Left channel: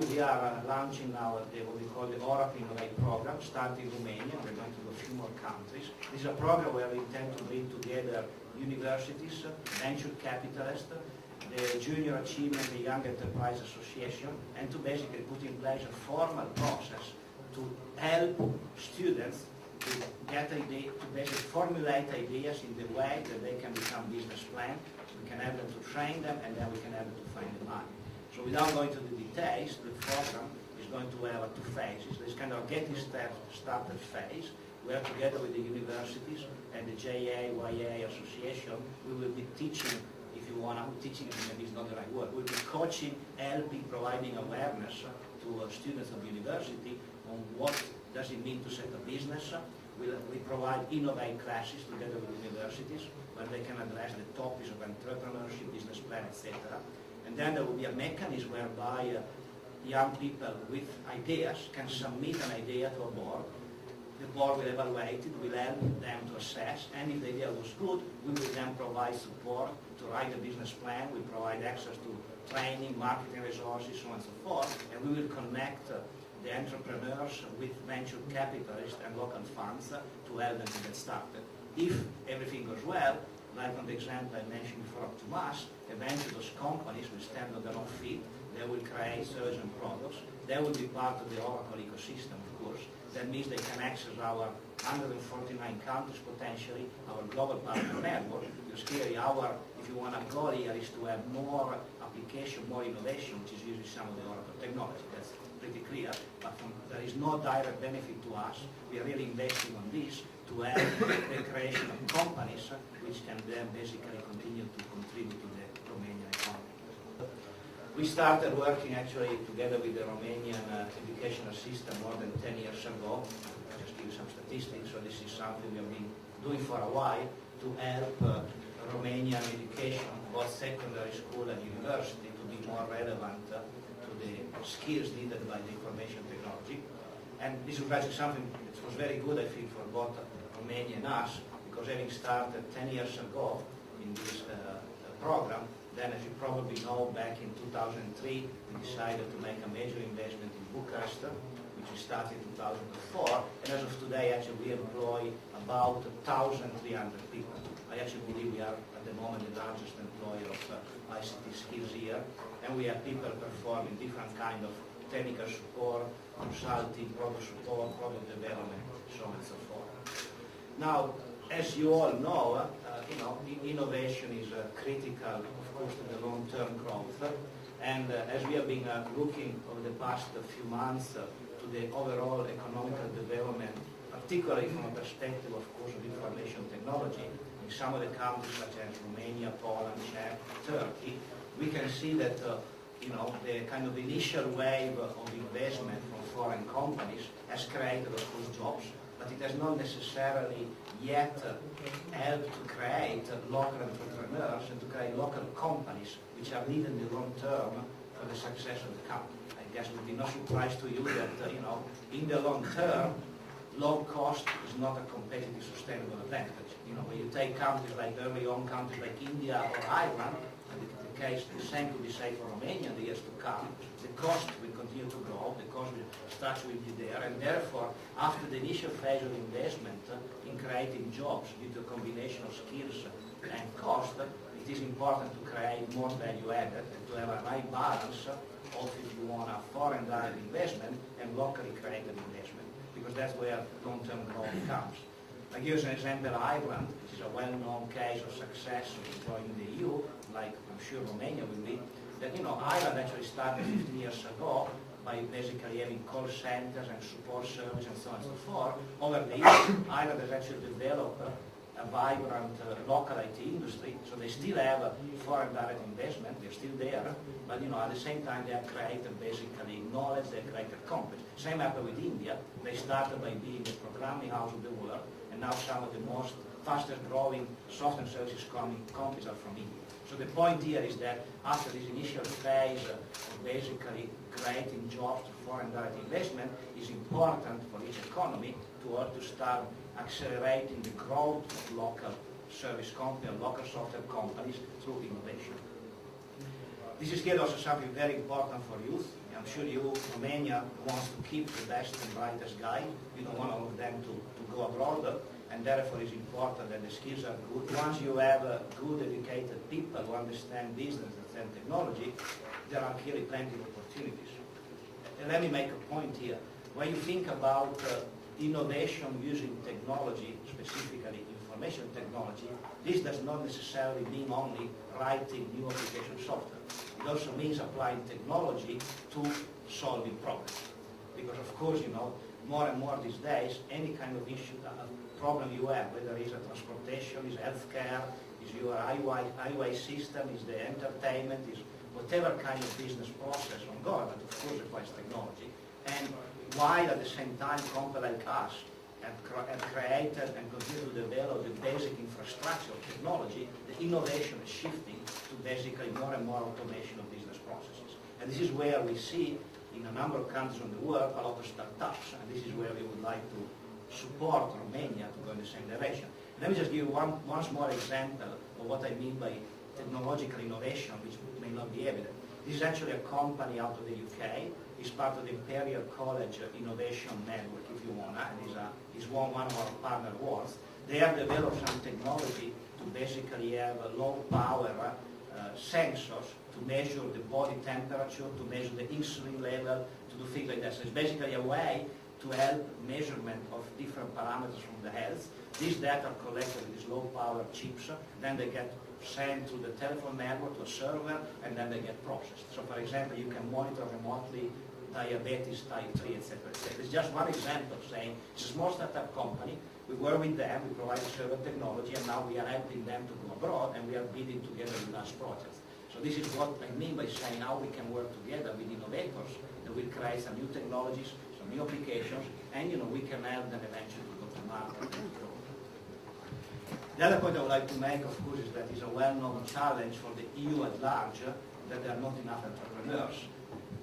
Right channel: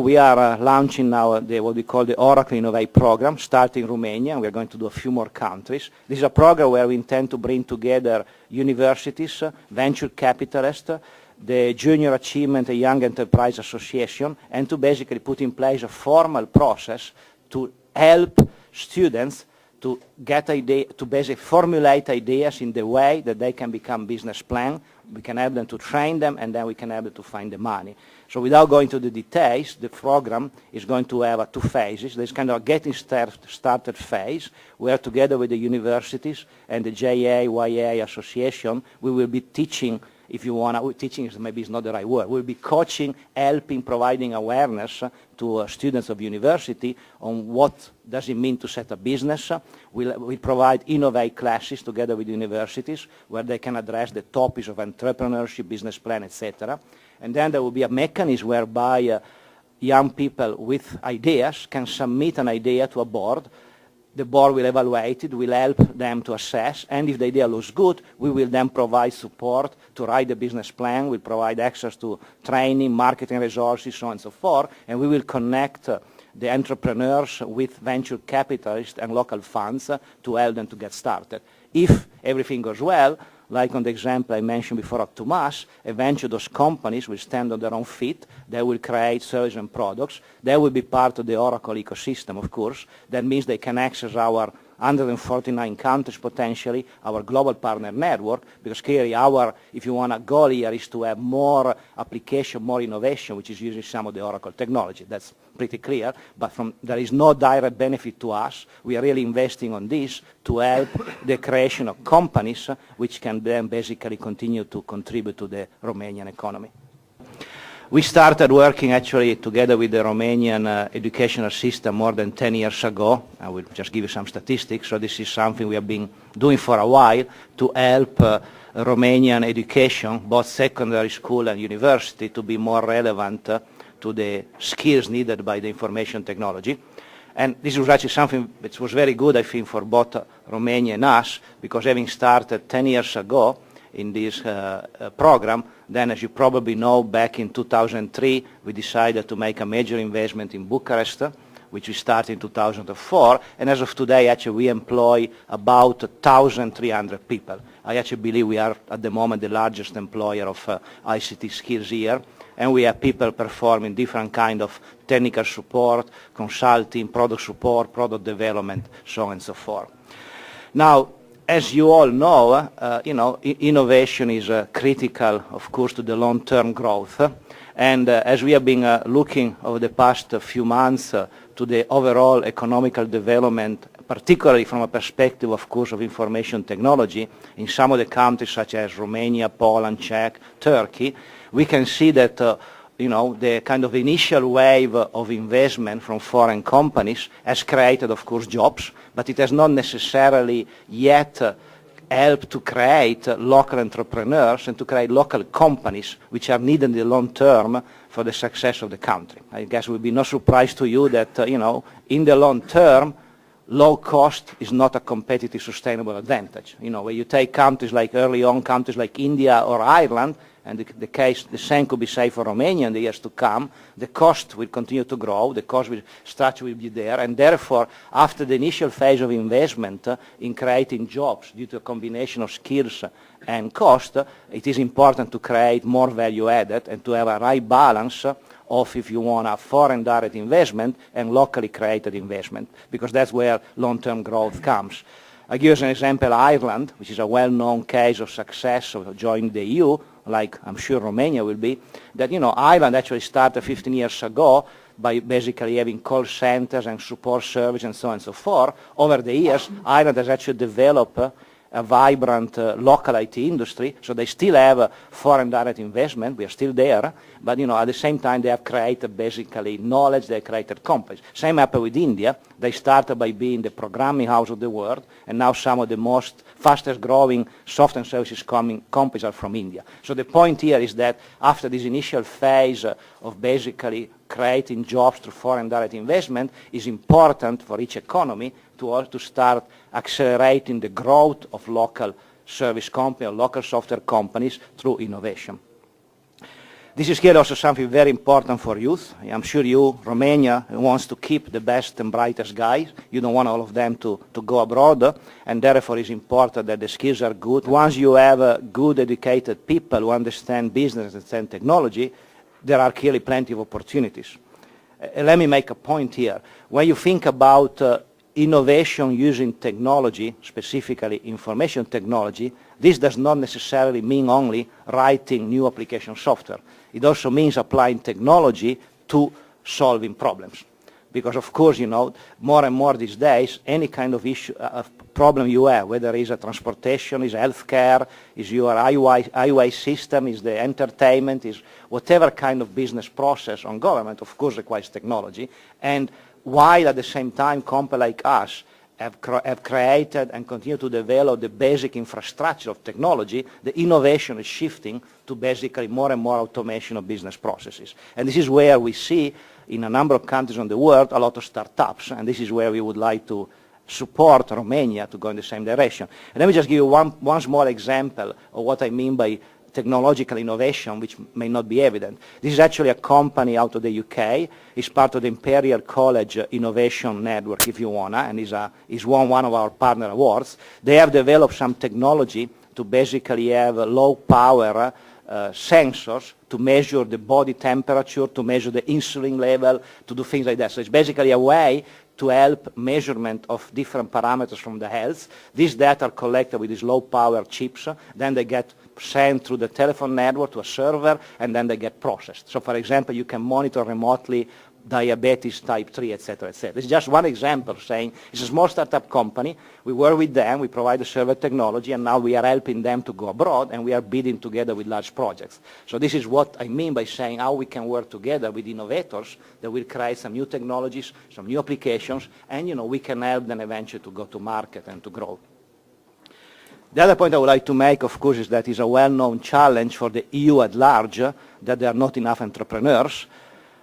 We are launching now what we call the Oracle Innovate program, starting in Romania. We're going to do a few more countries. This is a program where we intend to bring together universities, venture capitalists, the Junior Achievement and Young Enterprise Association, and to basically put in place a formal process to help students to get to basically formulate ideas in the way that they can become business plan. We can help them to train them, and then we can help them to find the money. So without going to the details, the program is going to have two phases. There's kind of a getting started phase, where together with the universities and the JA, Association, we will be teaching, if you want, teaching is maybe is not the right word, we'll be coaching, helping, providing awareness to students of university on what does it mean to set a business. We provide Innovate classes together with universities where they can address the topics of entrepreneurship, business plan, etc. And then there will be a mechanism whereby young people with ideas can submit an idea to a board. The board will evaluate it, will help them to assess, and if the idea looks good, we will then provide support to write the business plan. We'll provide access to training, marketing resources, so on and so forth, and we will connect the entrepreneurs with venture capitalists and local funds to help them to get started. If everything goes well, like on the example I mentioned before of Tomas, eventually those companies will stand on their own feet. They will create services and products. They will be part of the Oracle ecosystem, of course. That means they can access our 149 countries potentially, our global partner network, because clearly our, if you want, a goal here is to have more application, more innovation, which is using some of the Oracle technology. That's pretty clear, but there is no direct benefit to us. We are really investing on this to help the creation of companies which can then basically continue to contribute to the Romanian economy. We started working actually together with the Romanian educational system more than 10 years ago. I will just give you some statistics. So this is something we have been doing for a while to help Romanian education, both secondary school and university, to be more relevant to the skills needed by the information technology. And this was actually something which was very good, I think, for both Romania and us, because having started 10 years ago in this program, then as you probably know, back in 2003, we decided to make a major investment in Bucharest, which we started in 2004, and as of today, actually, we employ about 1,300 people. I actually believe we are, at the moment, the largest employer of ICT skills here, and we have people performing different kind of technical support, consulting, product support, product development, so on and so forth. Now, as you all know, innovation is critical, of course, to the long-term growth. And as we have been looking over the past few months to the overall economical development, particularly from a perspective, of course, of information technology, in some of the countries such as Romania, Poland, Czech, Turkey, we can see that the kind of initial wave of investment from foreign companies has created, of course, jobs, but it has not necessarily yet helped to create local entrepreneurs and to create local companies which are needed in the long term for the success of the country. I guess it will be no surprise to you that, in the long term, low cost is not a competitive, sustainable advantage. When you take countries like early on, countries like India or Ireland, and the same could be said for Romania in the years to come, the cost will continue to grow, the cost structure will be there, and therefore, after the initial phase of investment in creating jobs due to a combination of skills and cost, it is important to create more value added and to have a right balance of, if you want, a foreign direct investment and locally created investment, because that's where long-term growth comes. I give you as an example Ireland, which is a well-known case of success of joining the EU, like I'm sure Romania will be, that Ireland actually started 15 years ago by basically having call centers and support service and so on and so forth. Over the years, Ireland has actually developed a vibrant local IT industry, so they still have foreign direct investment, we are still there, but at the same time they have created basically knowledge, they have created companies. Same happened with India. They started by being the programming house of the world, and now some of the most fastest growing software and services companies are from India. So the point here is that after this initial phase of basically creating jobs through foreign direct investment, is important for each economy to start accelerating the growth of local service companies or local software companies through innovation. This is here also something very important for youth. I'm sure you, Romania, wants to keep the best and brightest guys. You don't want all of them to go abroad, and therefore it's important that the skills are good. Once you have good, educated people who understand business and technology, there are clearly plenty of opportunities. Let me make a point here. When you think about innovation using technology, specifically information technology, this does not necessarily mean only writing new application software. It also means applying technology to solving problems. Because of course, you know, more and more these days, any kind of issue, problem you have, whether it's a transportation, is healthcare, is your IUI system, is the entertainment, is whatever kind of business process on government, of course requires technology. And while at the same time companies like us have created and continue to develop the basic infrastructure of technology, the innovation is shifting to basically more and more automation of business processes. And this is where we see in a number of countries in the world a lot of startups, and this is where we would like to support Romania to go in the same direction. And let me just give you one small example of what I mean by technological innovation, which may not be evident. This is actually a company out of the UK. It's part of the Imperial College Innovation Network, if you want, and is won one of our partner awards. They have developed some technology to basically have low power sensors to measure the body temperature, to measure the insulin level, to do things like that. So it's basically a way to help measurement of different parameters from the health. These data are collected with these low power chips, then they get sent through the telephone network to a server, and then they get processed. So for example, you can monitor remotely diabetes type 3, etc., etc. This is just one example saying it's a small startup company. We work with them, we provide the server technology, and now we are helping them to go abroad, and we are bidding together with large projects. So this is what I mean by saying how we can work together with innovators that will create some new technologies, some new applications, and we can help them eventually to go to market and to grow. The other point I would like to make, of course, is that it's a well-known challenge for the EU at large that there are not enough entrepreneurs.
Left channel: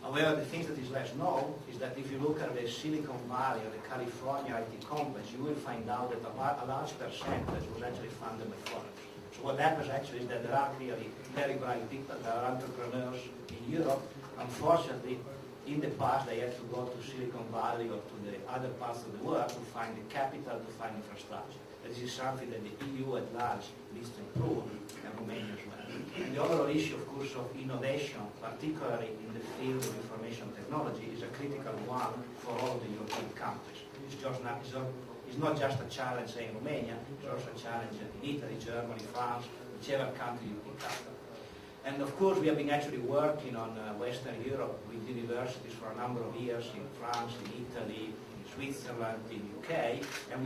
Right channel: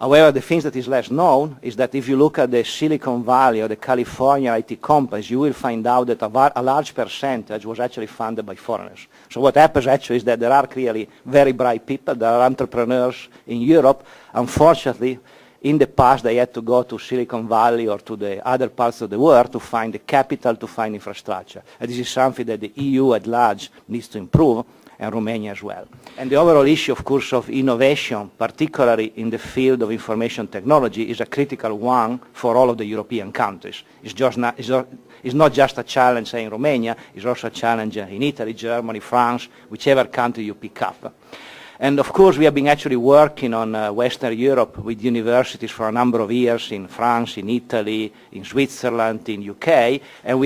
However, the thing that is less known is that if you look at the Silicon Valley or the California IT companies, you will find out that a large percentage was actually funded by foreigners. So what happens actually is that there are clearly very bright people, there are entrepreneurs in Europe. Unfortunately, in the past, they had to go to Silicon Valley or to the other parts of the world to find the capital, to find infrastructure. And this is something that the EU at large needs to improve, and Romania as well. And the overall issue, of course, of innovation, particularly in the field of information technology, is a critical one for all of the European countries. It's not just a challenge, say, in Romania, it's also a challenge in Italy, Germany, France, whichever country you pick up. And of course, we have been actually working on Western Europe with universities for a number of years in France, in Italy, in Switzerland, in UK, and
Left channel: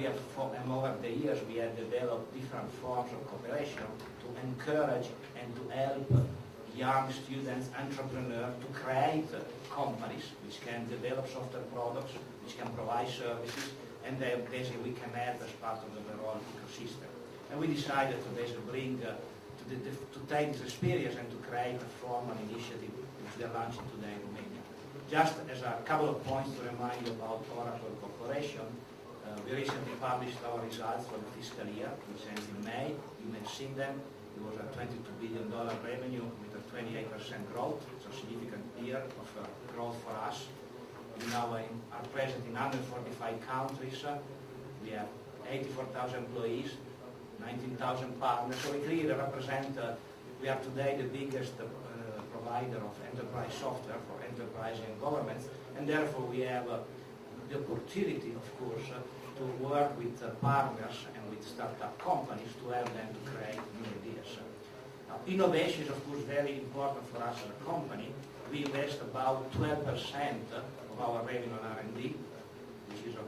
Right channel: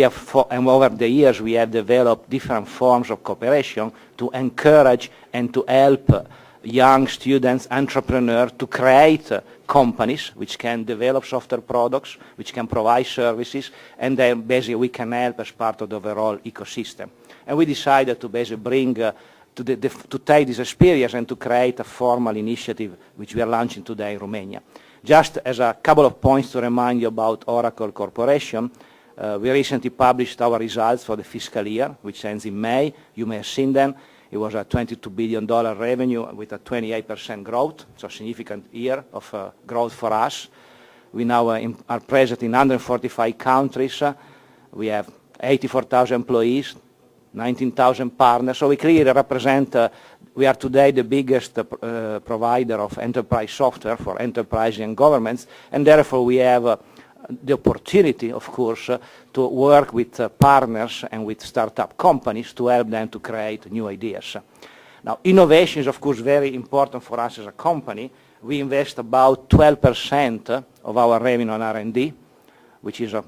over the years we have developed different forms of cooperation to encourage and to help young students, entrepreneurs, to create companies which can develop software products, which can provide services, and then basically we can help as part of the overall ecosystem. And we decided to basically bring to take this experience and to create a formal initiative which we are launching today in Romania. Just as a couple of points to remind you about Oracle Corporation, we recently published our results for the fiscal year, which ends in May. You may have seen them. It was a $22 billion revenue with a 28% growth, so a significant year of growth for us. We now are present in 145 countries. We have 84,000 employees, 19,000 partners, so we clearly represent, we are today the biggest provider of enterprise software for enterprises and governments, and therefore we have the opportunity, of course, to work with partners and with startup companies to help them to create new ideas. Now, innovation is, of course, very important for us as a company. We invest about 12% of our revenue on R&D, which is a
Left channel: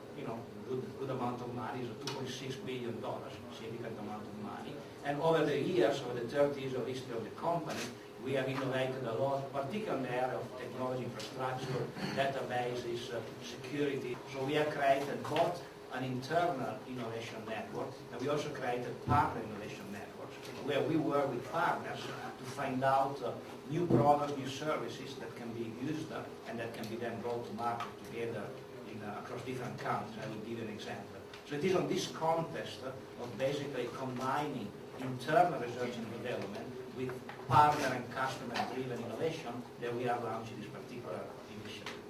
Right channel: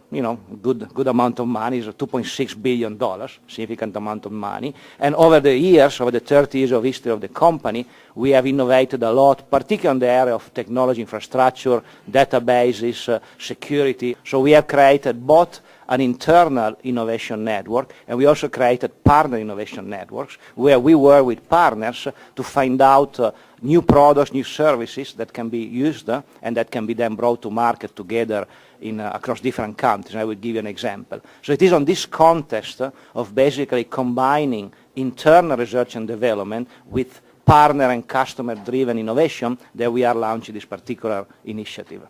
good amount of money. It's a $2.6 billion, significant amount of money. And over the years, over the 30 years of history of the company, we have innovated a lot, particularly in the area of technology infrastructure, databases, security. So we have created both an internal innovation network, and we also created partner innovation networks, where we work with partners to find out new products, new services that can be used and that can be then brought to market together across different countries. I will give you an example. So it is on this context of basically combining internal research and development with partner and customer-driven innovation that we are launching this particular initiative.